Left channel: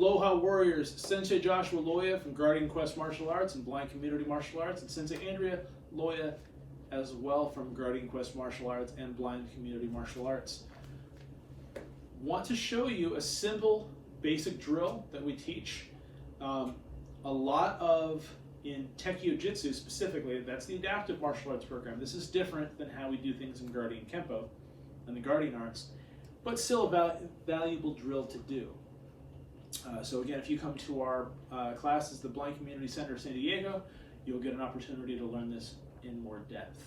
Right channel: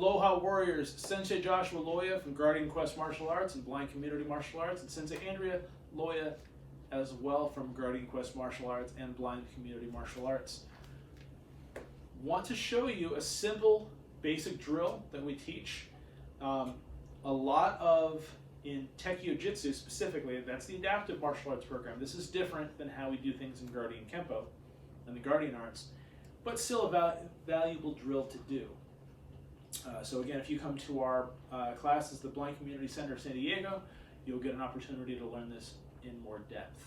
Aloha Warriors, Sensei Joshua Loya from Guardian Quest Martial Arts and Blind Community Martial Arts, and Sensei Andrea Loya as well from Guardian Quest Martial Arts and Blind Community Martial Arts. Want to show you a simple basic drill that we teach. A lot of, in Tekio Jutsu specifically, that's the adaptive martial arts program. This is different than how we do things in Guardian Kempo and the Guardian Arts, but still a valuable drill to do. So again, if you come to our classes, the Blind Community Center of San Diego, you'll get an opportunity to learn this in more depth.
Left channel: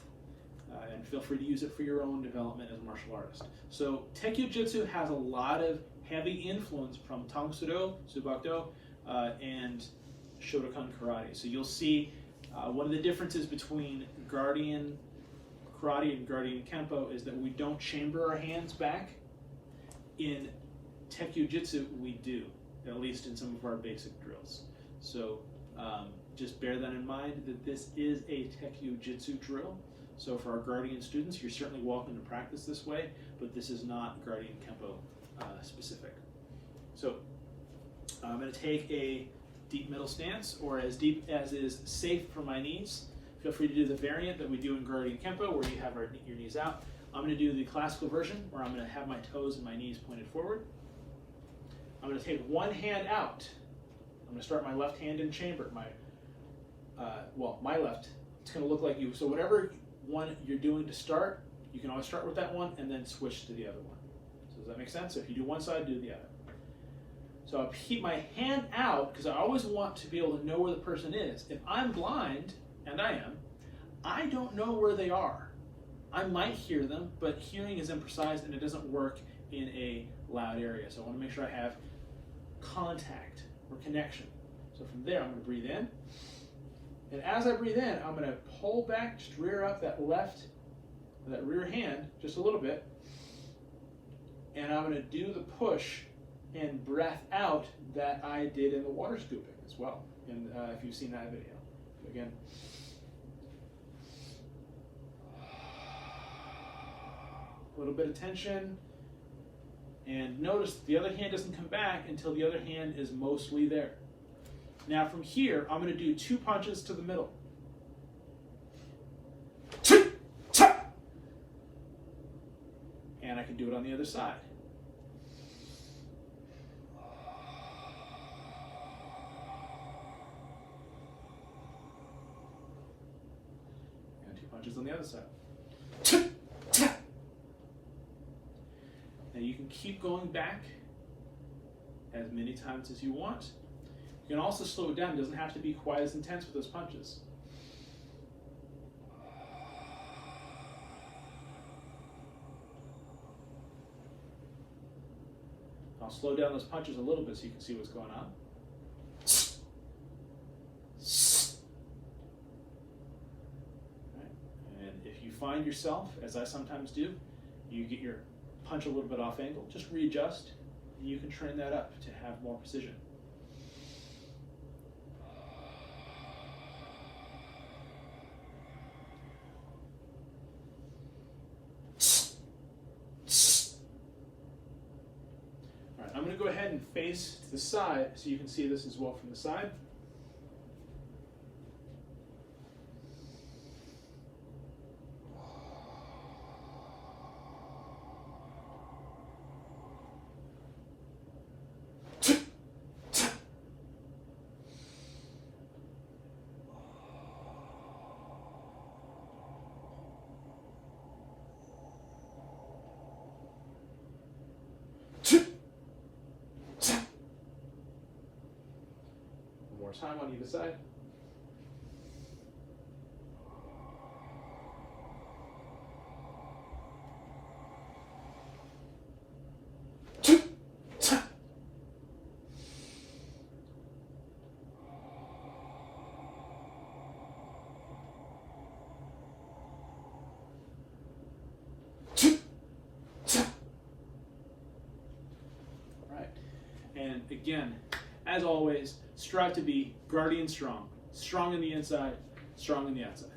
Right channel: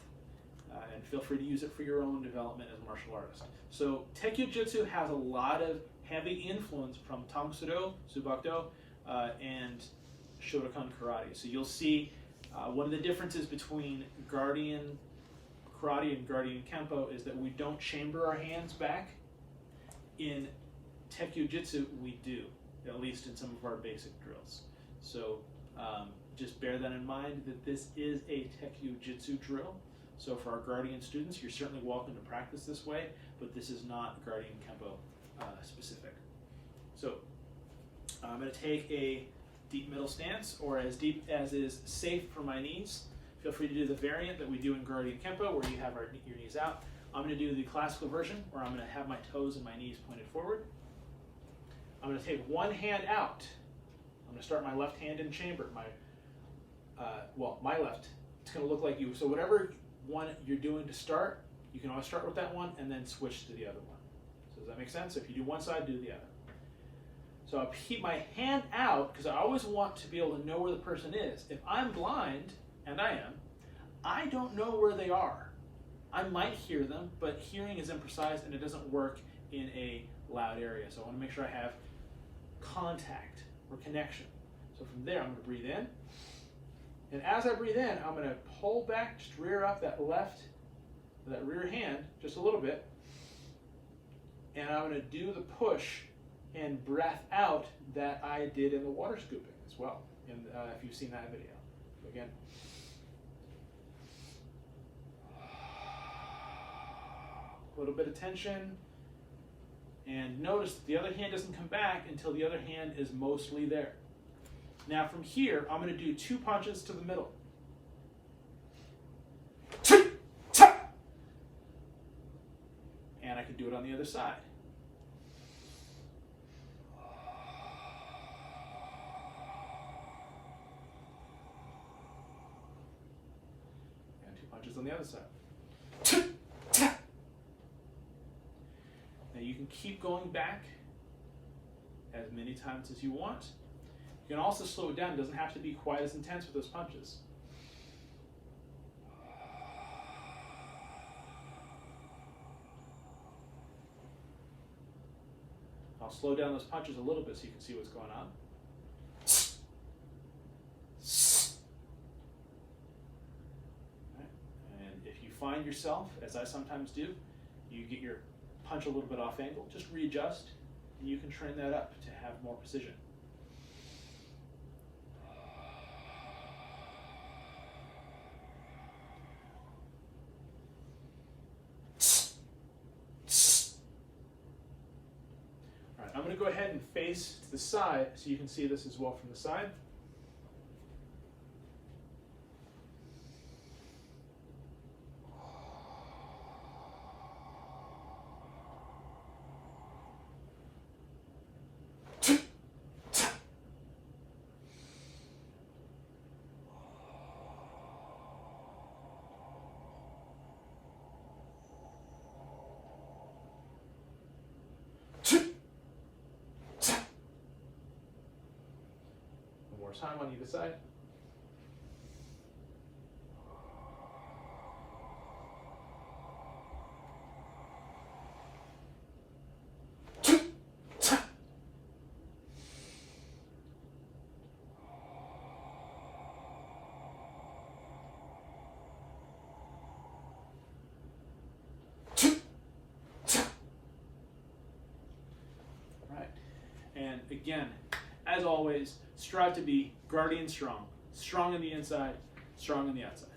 And feel free to use it for your own development as a martial artist. So Tekio Jutsu has a lot of heavy influence from Tangsudo, Subakdo, and Shotokan Karate. So you'll see one of the differences between Guardian Karate and Guardian Kempo is that we don't chamber our hands back. In Tekio Jutsu, we do, at least in some of our basic drills. So just bear that in mind, that this is a Tekio Jutsu drill. So for our Guardian students, you're certainly welcome to practice this way, but this is not Guardian Kempo specific. So I'm going to take a deep middle stance, or as deep as is safe for my knees. Feel free to do the variant that we do in Guardian Kempo, where you have your knees out. I'm going to do the classical version, where I'm going to have my toes and my knees pointed forward. I'm going to take one hand out. I'm going to start my left hand in chamber. My left. It's going to look like you. So whatever one you're doing to start, you can always start with that one and then switch to the other one. So does that make sense? So if you do one side, do the other. So I keep my hand out because I always want to be able to know where the person is. If I'm blind, and I am, I don't know where they are. I might hear them, but hearing is imprecise and it doesn't work in a loud area. So I want to make sure I have contact or connection. So from there, I'm going to breathe in. And as I breathe in, I'm going to pull back, just rear up that rear hand just a little bit. And I'm going to do the push and breath out that I did in the water scooping as well, and if you've seen that video. So again, a little bit of tension, and notice the other hand doesn't come back until the other hand is mostly there. Now from here, I'm going to do 2 punches to the middle. And I can do it on the other side. And 2 punches on the other side. Now you can keep going back as many times as you want. You can also slow it down. It doesn't have to be quite as intense with those punches. I'll slow down those punches a little bit so you can see what's going on. Right. And if you find yourself, as I sometimes do, you get your punch a little bit off angle, just readjust, and you can train that up to have more precision. All right, I'm going to go ahead and face to the side so you can see this as well from the side. One more time on either side. And again, as always, strive to be Guardian strong. Strong on the inside, strong on the outside.